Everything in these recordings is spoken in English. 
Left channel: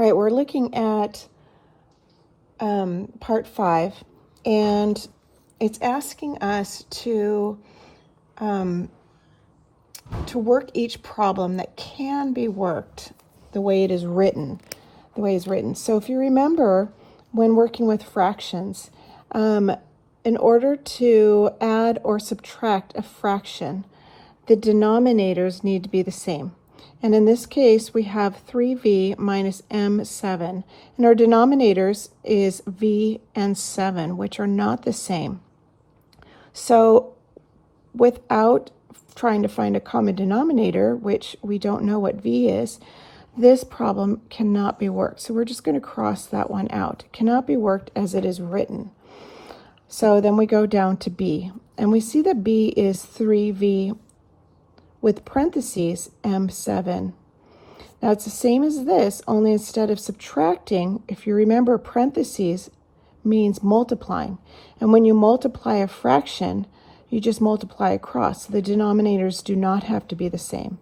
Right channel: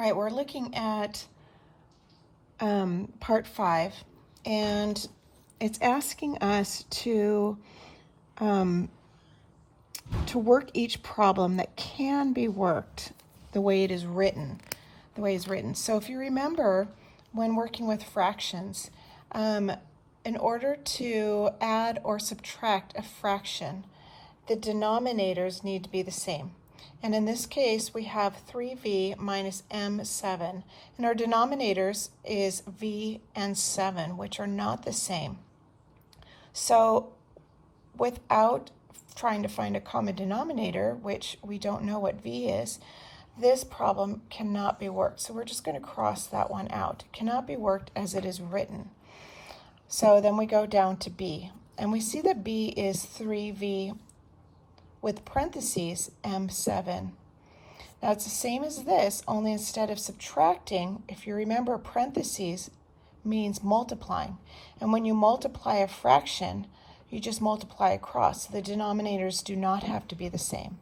All right, we're looking at part 5, and it's asking us to work each problem that can be worked the way it is written, So if you remember, when working with fractions, in order to add or subtract a fraction, the denominators need to be the same. And in this case, we have 3v minus m7. And our denominators is v and 7, which are not the same. So without trying to find a common denominator, which we don't know what v is, this problem cannot be worked. So we're just going to cross that one out. It cannot be worked as it is written. So then we go down to b. And we see that b is 3v with parentheses m7. Now it's the same as this, only instead of subtracting, if you remember, parentheses means multiplying. And when you multiply a fraction, you just multiply across. The denominators do not have to be the same.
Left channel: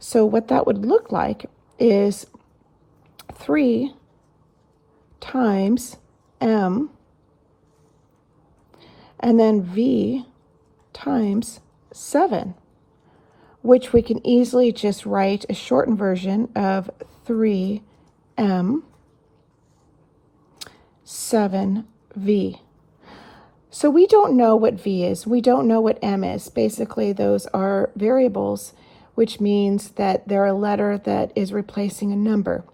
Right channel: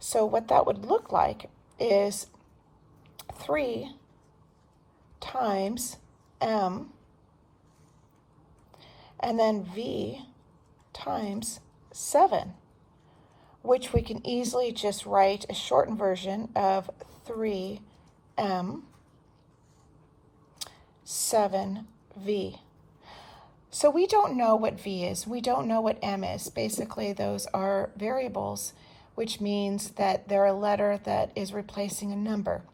So what that would look like is 3 times m, and then v times 7. Which we can easily just write a shortened version of 3m 7v. So we don't know what v is. We don't know what m is. Basically, those are variables, which means that they're a letter that is replacing a number.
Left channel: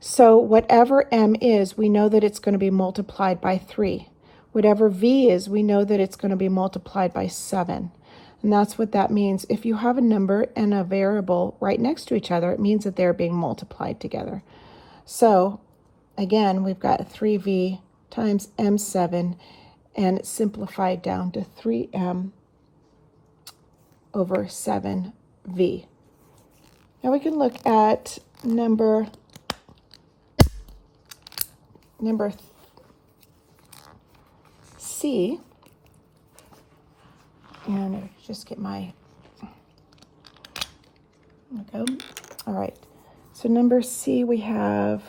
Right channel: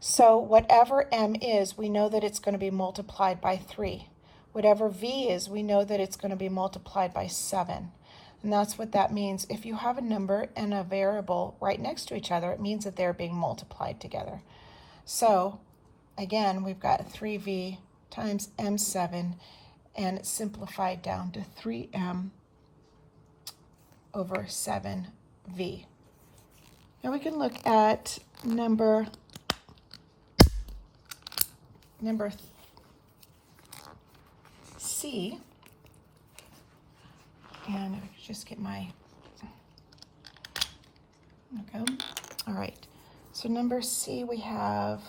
So whatever m is, we know that it's going to be multiplied by 3. Whatever v is, we know that it's going to be multiplied by 7. And that's what that means. If you have a number and a variable right next to each other, it means that they're being multiplied together. So again, we've got 3v times m7, and it's simplified down to 3m over 7v. Now we can look at number C. And I just get my, there we go. All right, so number C, we have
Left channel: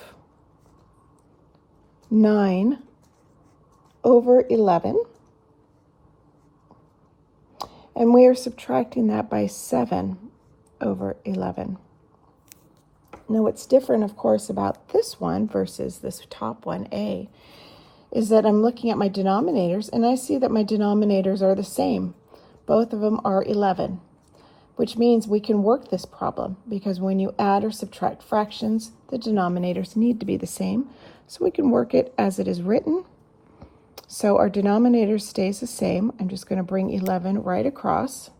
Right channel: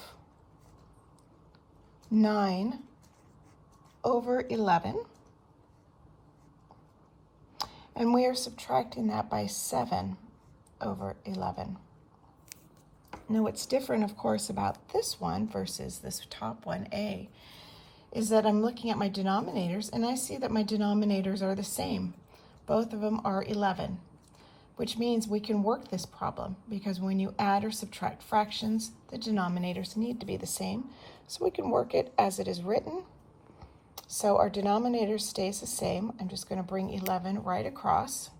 9 over 11. And we are subtracting that by 7 over 11. Now what's different, of course, about this one versus this top one, A, is that I'm looking at my denominators, and I see that my denominators are the same. Both of them are 11, which means we can work this problem, because when you add or subtract fractions, the denominators need to be the same. So we can work it as it is written. So our denominator stays the same. I'm just going to bring 11 right across.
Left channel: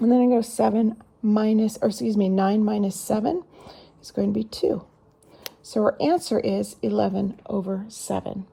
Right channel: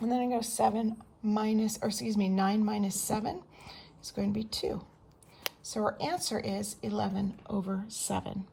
And then I go 9 minus 7 is going to be 2. So our answer is 11 over 7.